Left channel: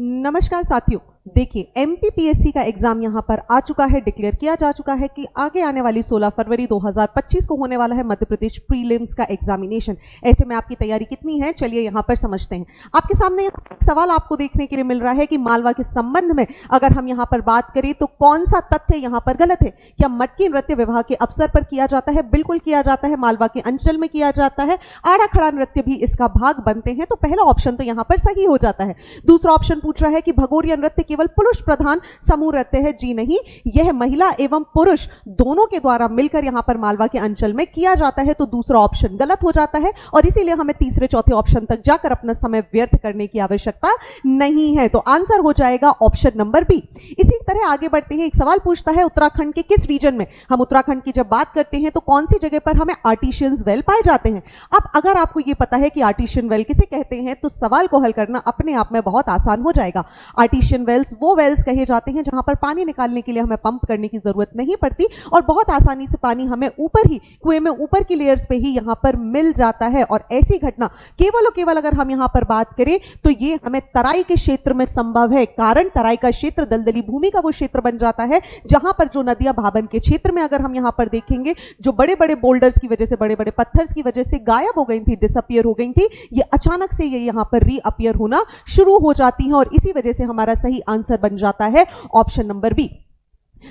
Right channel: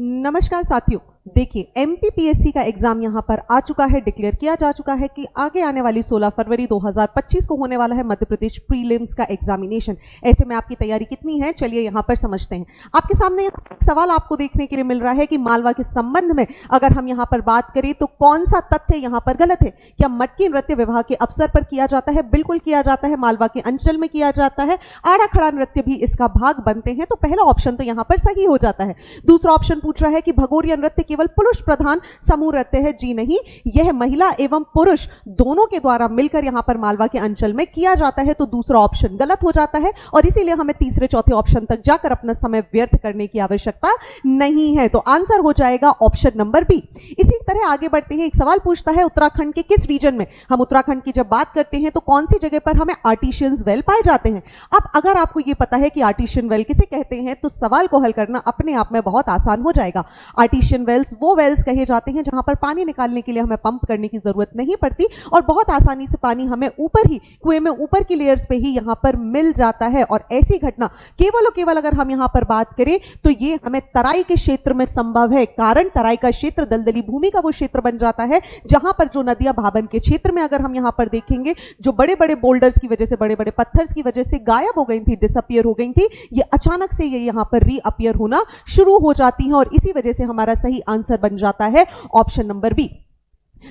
नमस्कार साथियों, देखिए एमपीपीएससी का एग्जाम यहाँ पर आ चुका है, डिक्लेयर किया जा चुका है कि आगे आने वाली 16 फरवरी 2025 को होने वाला है मध्य प्रदेश प्रीलिम्स का एग्जामिनेशन। ऐसे में आपकी तैयारी कितनी है, चलिए यहाँ पर समझते हैं। आपके सामने सवाल आपको देखने के लिए मिल रहा है कि मालवा के संबंध में अगर हम यहाँ पर बात करें तो कौन सा तथ्य यहाँ पर गलत है। क्या मटकी नृत्य विवाह के अवसर पर किया जाता है? बिल्कुल किया जाता है, मालवा के अंचल में किया जाता है। आड़ा खड़ा नृत्य भी इसका भाग बनते हैं, तो पहला ऑप्शन तो यहाँ पर सही हो जाता है। दूसरा ऑप्शन पूछ रहा है कि भगोरिया नृत्य केवल पुरुष प्रधान समूह नृत्य है। जी नहीं, यह महिला एवं पुरुष दोनों के द्वारा मिलकर यहाँ पर मालवा के अंचल में किया जाता है, तो दूसरा ऑप्शन गलत हो जाता है और इसीलिए हमें तीसरे चौथे ऑप्शन तक जाकर अपना समय व्यर्थ करने की आवश्यकता नहीं है। तो आंसर हो जाएगा ऑप्शन नंबर बी। इसी तरह आगे बढ़ते हैं। एक सवाल पूछता है उत्तराखंड के किस रीजन में, हम उत्तराखंड की जब बात करते हैं तो कौन सी जगह पर हमें आर्टिशियन वेल पाए जाते हैं। अब अगर आपको यह पता है कि आर्टिशियन वेल किसे कहते हैं तो सवाल को हल करना अपने आप में बहुत आसान हो जाएगा। आर्टिशियन वेल्स वो वेल्स कहे जाते हैं जहां पर पानी निकालने के लिए हमें पंप करने की जरूरत नहीं पड़ती और बहुत आसानी से पानी हमें ऊपर ही कुएं में ऊपर की लेयर्स पे ही यहां पर मिल जाता है। और ऐसी घटना केवल और केवल अगर हम यहां पर बात करें तो ये हमें तराई के क्षेत्र में संभव है। कारण तराई का क्षेत्र दलदली भूमि का वो क्षेत्र बन जाता है जहां पर जो नदियां भाबन के क्षेत्र में अगर हम यहां पर देखेंगे जो बड़े बड़े बोल्डर्स की वजह से, बड़े बड़े पत्थर्स की वजह से गायब हो गई थी, डिसअपियर हो गई थी, ये अचानक से ये यहां पर रीअपियर होना शुरू हो जाती है और इसी वजह से हमारा सही आंसर बन जाता है option number B.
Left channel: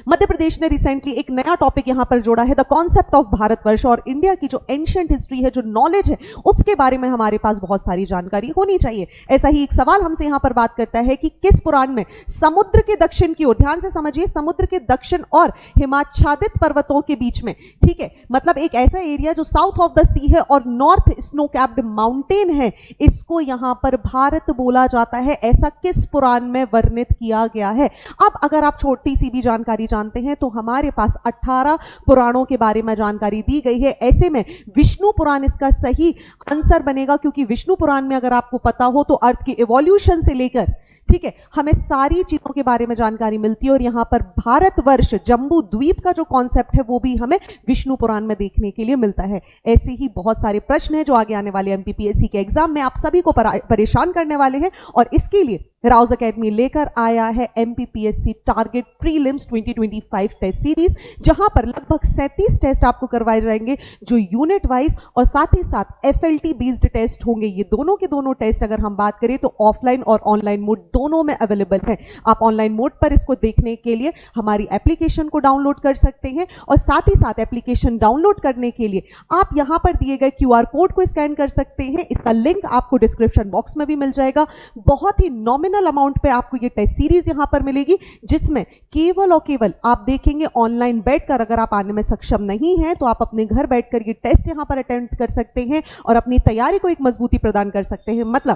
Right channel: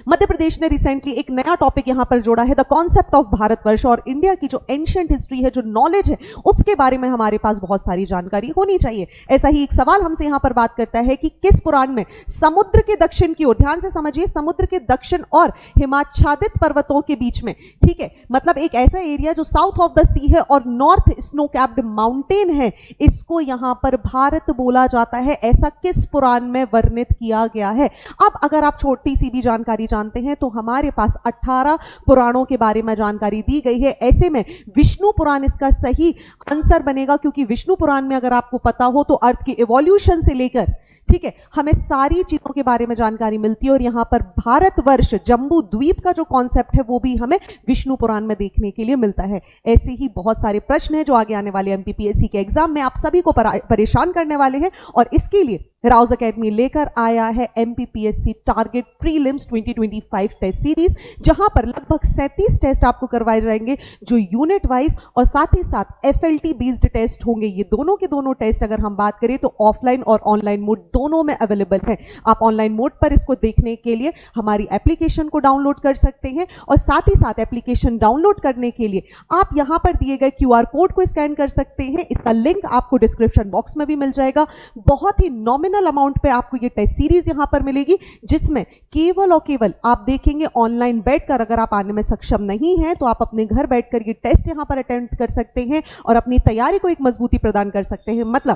Madhya Pradesh ने रिसेंटली एक नया टॉपिक यहां पर जोड़ा है, द कॉन्सेप्ट ऑफ भारतवर्ष। और इंडिया की जो एंशिएंट हिस्ट्री है, जो नॉलेज है, उसके बारे में हमारे पास बहुत सारी जानकारी होनी चाहिए। ऐसा ही एक सवाल हमसे यहां पर बात करता है कि किस पुराण में समुद्र के दक्षिण की ओर, ध्यान से समझिए, समुद्र के दक्षिण और हिमाच्छादित पर्वतों के बीच में, ठीक है, मतलब एक ऐसा एरिया जो साउथ ऑफ द सी है और नॉर्थ स्नो कैप्ड माउंटेन है, इसको यहां पर भारत बोला जाता है। ऐसा किस पुराण में वर्णित किया गया है। अब अगर आप छोटी सी भी जानकारी जानते हैं तो हमारे पास 18 पुराणों के बारे में जानकारी दी गई है। ऐसे में विष्णु पुराण इसका सही आंसर बनेगा, क्योंकि विष्णु पुराण में अगर आपको पता हो तो अर्थ की इवोल्यूशन से लेकर, ठीक है, हमें सारी चीजों के बारे में जानकारी मिलती है। और यहां पर भारतवर्ष, जम्बू द्वीप का जो कॉन्सेप्ट है वो भी हमें विष्णु पुराण में देखने के लिए मिलता है। ऐसे ही बहुत सारे प्रश्न हैं जो आगे आने वाले एमपीपीएससी के एग्जाम में आप सभी को परेशान करने वाले हैं और इसके लिए राउज एकेडमी लेकर आया है MPPSC target prelims 2025 test series, जहां पर लगभग 37 टेस्ट आपको करवाए जाएंगे जो यूनिट वाइज और साथ ही साथ एफएलटी बेस्ड टेस्ट होंगे। ये दोनों के दोनों टेस्ट अगर हम बात करें तो ऑफलाइन और ऑनलाइन मोड दोनों में अवेलेबल है। आप ऑनलाइन मोड पर इसको देखने के लिए हमारी एप्लीकेशन को डाउनलोड कर सकते हैं और साथ ही साथ एप्लीकेशन डाउनलोड करने के लिए आप यहां पर दिए गए क्यूआर कोड को स्कैन कर सकते हैं। इसका लिंक आपको डिस्क्रिप्शन बॉक्स में भी मिल जाएगा। बहुत ही अमाउंट पे आपको ये टेस्ट सीरीज यहां पर मिलेगी, जिसमें केवल और केवल आप देखेंगे ऑनलाइन बैठकर। अगर आप आने में सक्षम नहीं है तो आप अपने घर बैठकर ये टेस्ट यहां पर अटेम्प्ट कर सकते हैं और अपनी तैयारी को एक मजबूती प्रदान कर सकते हैं। मतलब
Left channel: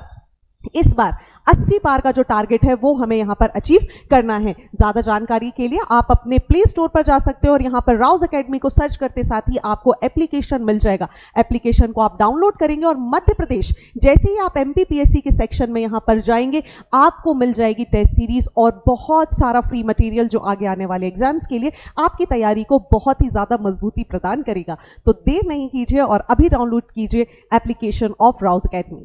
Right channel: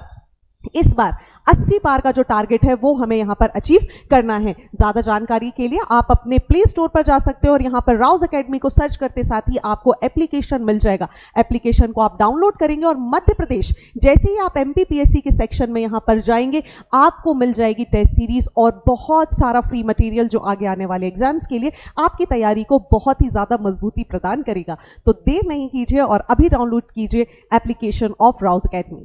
इस बार 80 पार का जो टारगेट है वो हमें यहां पर अचीव करना है। ज्यादा जानकारी के लिए आप अपने प्ले स्टोर पर जा सकते हो और यहां पर राउज एकेडमी को सर्च करते साथ ही आपको एप्लीकेशन मिल जाएगा। एप्लीकेशन को आप डाउनलोड करेंगे और मध्य प्रदेश जैसे ही आप एमपीपीएससी के सेक्शन में यहां पर जाएंगे आपको मिल जाएगी टेस्ट सीरीज और बहुत सारा फ्री मटेरियल जो आगे आने वाले एग्जाम्स के लिए आपकी तैयारी को बहुत ही ज्यादा मजबूती प्रदान करेगा। तो देर नहीं कीजिए और अभी डाउनलोड कीजिए एप्लीकेशन ऑफ राउज एकेडमी।